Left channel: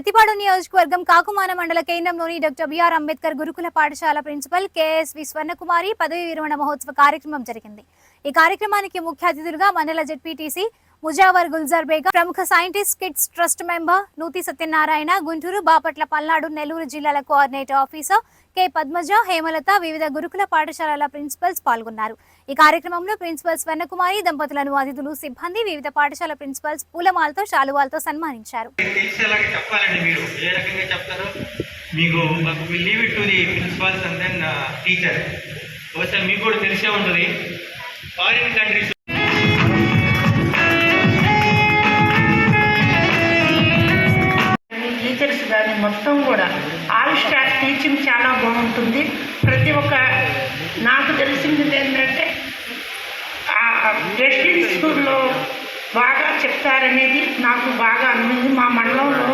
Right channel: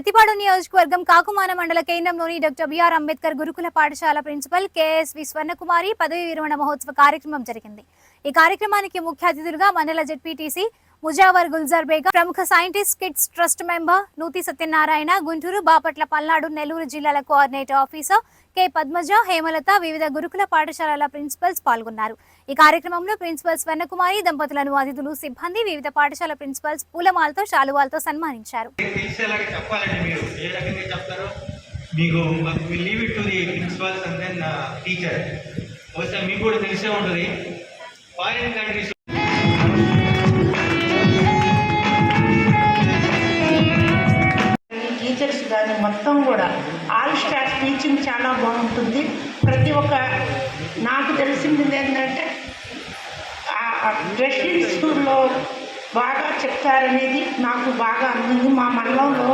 ప్రతిపాడు నియోజకవర్గం కాకుమాన మండల కేంద్రంలోని డాక్టర్ బిఆర్ అంబేద్కర్ గురుకుల పాఠశాల ప్రిన్సిపల్ కెఎస్వి స్వర్ణకుమారి పదవి విరమణ మహోత్సవ కార్యక్రమం జరిగింది. ఈ కార్యక్రమానికి ముఖ్య అతిథులుగా మండల జెడ్పీటీసీ ముజావర్ గుల్జార్ బేగం ప్రముఖ scientist kids trust member Nuthi Satyanarayana Guntur Bapatla Palnadu Nellore జిల్లాల coordinator officer K Padmaja Hemalatha వివిధ గురుకుల పాఠశాలల ప్రిన్సిపల్స్ పాల్గొన్నారు. ఈ కార్యక్రమంలో ప్రిన్సిపల్ స్వర్ణకుమారి దంపతులను అతిథులు సిబ్బంది వివిధ పాఠశాల ప్రిన్సిపల్స్ పూలమాలతో శాలువాలతో సన్మానించారు. మీకు leave it to the principals and then teacher బహుశా మీకు కూడా తెలిసే ఉంటుంది. ఫారిన్ కంట్రీస్ దాన్ని మొత్తం కూడా ఆల్ స్టాఫ్ టీచింగ్ చాలా బాగుంటుంది. ప్రతి ఒక్క నాకు తెలిసింది ఏంటంటే రెసిడెన్సీ స్కూల్లో బాగా చెప్తారనేది నాకు బాగా అందింది మా మండలంలో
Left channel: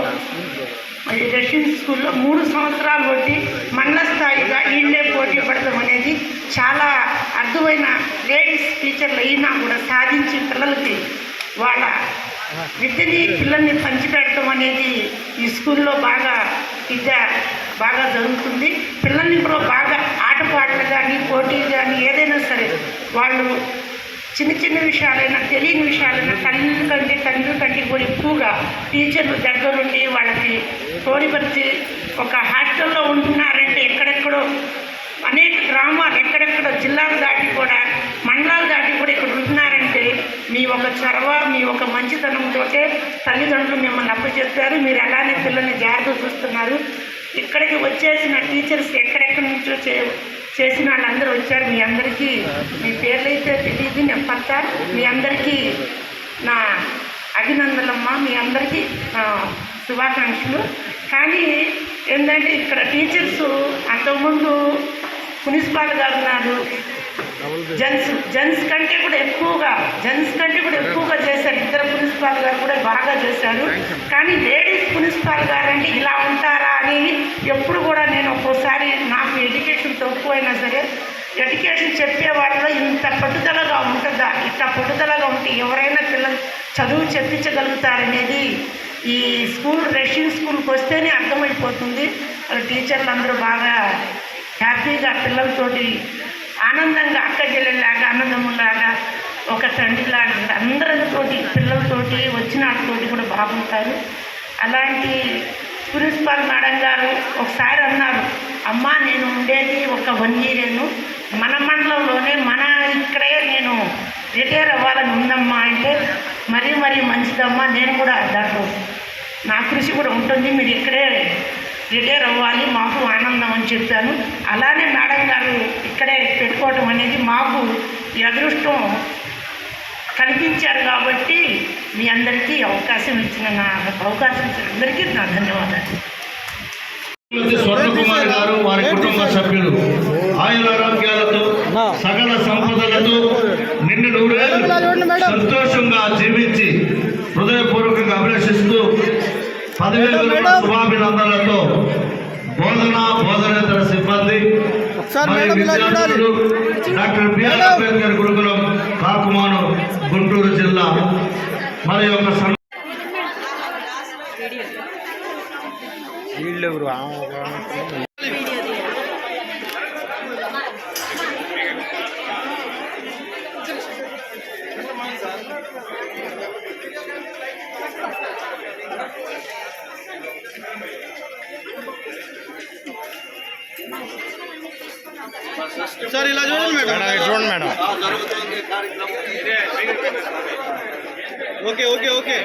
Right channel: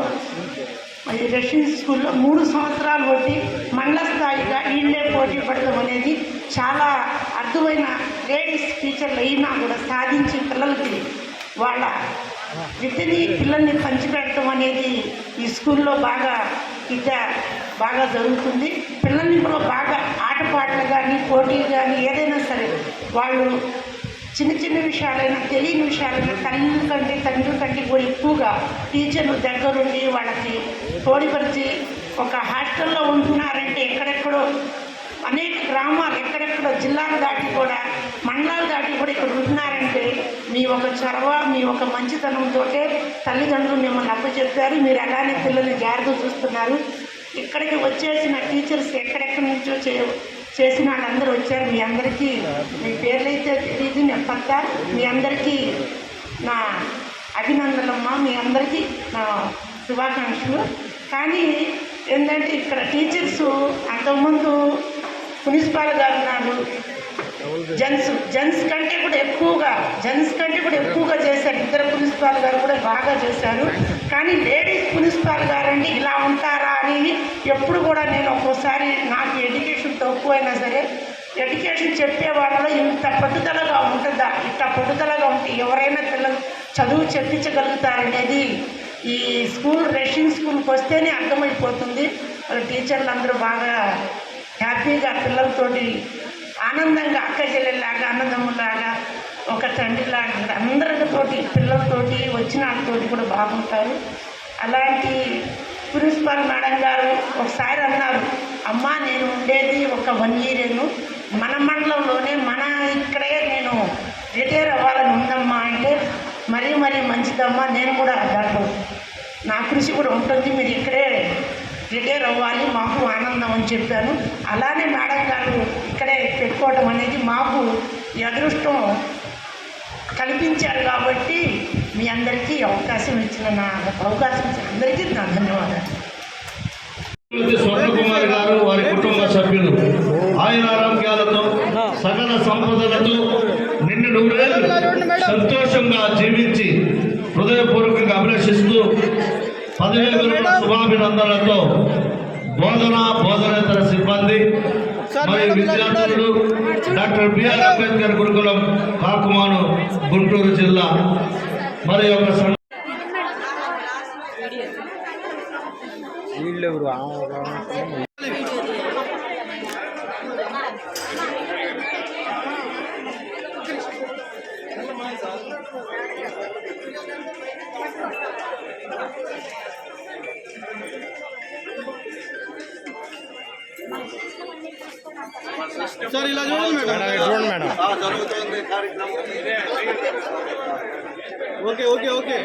రెసిడెన్సీ స్కూల్లో మూడు సంవత్సరాలు బట్టి మండల స్థాయిగా వీళ్ళే పోటీ పడడం అనేది చాలా అర్థమైన లేడీస్ టీచర్లు అయినా కూడా సాధించి పిల్లలకి విద్యని పిల్లల్ని పంచిపెట్టడం అనేది ఈ స్కూల్లో బాగా విద్య బాగా జరుగుతుంది. పిల్లల్ని కూడా బాగా ఆటపాటలు కానీ పోటీలు కానీ ఏదైనా సరే వాళ్ళు చిన్న చిన్న విషయాలైనా తెలియని విషయాలైనా తల్లి కంటే తండ్రి కంటే కూడా ఎక్కువగా టీచర్లు దగ్గరుండి వాళ్ళకి తోడిపరిచి ఒక హాస్టల్లో ఉంటున్నారంటే ఎక్కడెక్కడో అనేక గ్రామాలు ఎక్కడెక్కడో జిల్లాలు దాటి కూడా మండలాలు దాటి కూడా ఇక్కడ ఉంటున్నారంటే మీ ఒక చొరవ మీ ఒక మంచితనంతో తల్లిదండ్రులు మిమ్మల్ని అప్పచెప్పారు మీరు అలానే పిల్లల్ని జాగ్రత్త చూస్తున్నారు. ఇక్కడికి వచ్చేసిన టీచర్స్ ఎక్కడెక్కడి నుంచో చే చేసిన వాళ్ళందరూ వచ్చారు. మీ అందరికీ మీ పేర్లు అయితే తెలియదు నేను మీ అందరికీ నా అభినందనమ్మా. మీ అందరికీ నా శుభాకాంక్షలు. కానీ ఏంటంటే ఇక్కడ టీచర్స్ అంతకుముందు మున్సిపాల్ గారు ఉన్నారు జెంట్స్ జెంట్స్ కంటే కూడా ఎక్కువగా జెంట్స్ కంటే కూడా ఎక్కువ ఇద్దరు ప్రిన్సిపాల్ గారు కూడా బాగా చేశారు. కానీ లేడీస్ ప్రిన్సిపాల్ గారు ఇలా ఉంటారా అని ఎప్పుడు కూడా నేను ఒక్కోసారి నాకు ఎడ్యుకేషన్ తక్కువైనా సరే ఎడ్యుకేషన్ చెప్పే వాళ్ళలో ఇంత పట్టుదలగా ఉంటుందా? ఇంత పట్టుదలగా ఉంటే ఎవరైనా పిల్లలు చదువు చెప్పించగలుగుతారనేది ఈ స్కూల్ రష్యన్ స్కూల్కి వస్తేనే అర్థమైపోతుంది. టీచర్లు అందరూ బాగా హ్యాపీగా పిల్లలతోటి ఆనందంగా అక్క చెల్లెల్లాగా ఆనందములాగా ఒక తండ్రిలాగా అందరితోటి పిల్లలతోటి వచ్చిన వాళ్ళతోటి కూడా బాగుంటారు. అలాంటి ప్రిన్సిపాల్ మేడం గారు ఒకసారి అన్నారు అమ్మా నేను ఉండేది ఒక వన్ ఇయరేను మన మండలంలోనే మన ఇక్కడే నేను రిటైర్ అవ్వాలని ఉందమ్మా అంటే మరీ మరీ మంచిదమ్మా నేను కూడా దాంట్లో నా కృషి కూడా ఉంటుంది మీరు ఇక్కడే రిటైర్ అవ్వాలి మాకు ఆనందం అని చెప్పాను. అలానే మేడం గారు ఇక్కడే పెట్టుకోవడం అనేది మాకు ఈ అదృష్టం కల్పించారు కాబట్టి మీ అందరికీ అవకాశం ఇచ్చిన నా అవకాశం ఇచ్చిన అందరికీ నా ధన్యవాదాలు. స్వర్ణకుమారి గారు వారి కుటుంబ సభ్యులు ఆయురారోగ్యాలతో సకల సంపదలతో నిన్ను నూరేళ్ళు సంతోషంగా జీవించి హృదయపూర్వకంగా అభిలషిస్తూ పదివేల శుభాభినందనలతో బోధన బోధనేతర సిబ్బంది మరియు విద్యార్థులు డాక్టర్ బిఆర్ అంబేద్కర్ గురుకులం కాకుమాను గుంటూరు జిల్లా మరి ఒక సం- వీళ్ళెవరు? ఆమె ఒక ఆమె. సార్ ఇలా చూడండి మేడం. మేడం ఇటు చూడండి మేడం. జరుగుతోంది కార్యక్రమం. Okay okay okay